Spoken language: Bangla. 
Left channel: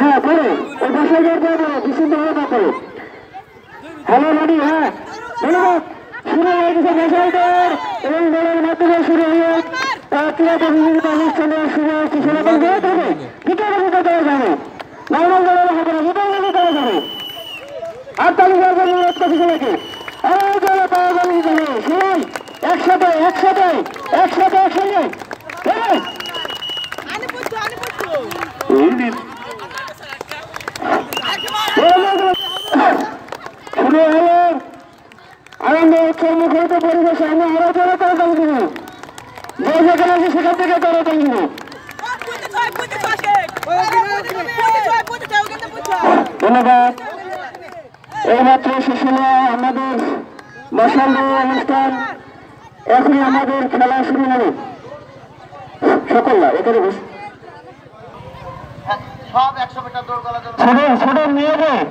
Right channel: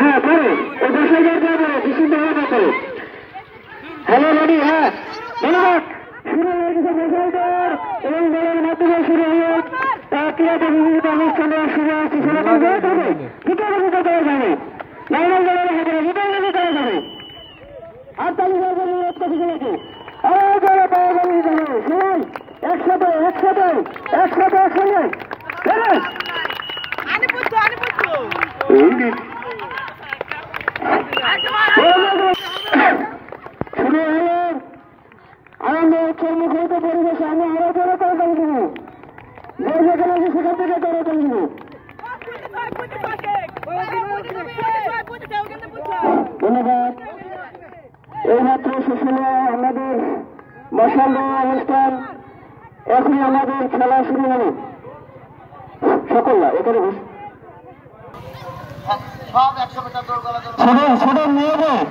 হ্যাঁ করো ও 10,000 যাবে বিশুদ্ধ হয়ে করো। Hello ready? হ্যাঁ ধন্যবাদ। শুরু হয়ে গেছে মেশাইদার এই দলের মাধ্যমে শুরু হয়ে ক্রীড়া বিভিন্ন অনুষ্ঠানের শুরু হচ্ছে। শুরু করবে তবে ভিতরে ভিতরে করা যাবে নর্মাল দলের হবে না, ভিতরে ভিতরে করা যাবে। আর তাহলে অনুরোধ করছি সবাইকে আর যারা পাওয়া যাবে শুনুন একসাথে একসাথে একসাথে একসঙ্গে আনন্দ উৎসব মুখরিত পরিবেশে আমরা আরো জোরে করে থাকবো, যে যেখানে আছে সেখান থেকে জোরে থাকবো। ধন্যবাদ। এইমাত্র শেষ হলো আমাদের মশাল অনুষ্ঠান, এখনই আমাদের খেলা শুরু হবে। সকলরা এখানে বসে সব 100 মিটার দৌড় করা ছোট ছোট মেয়েদের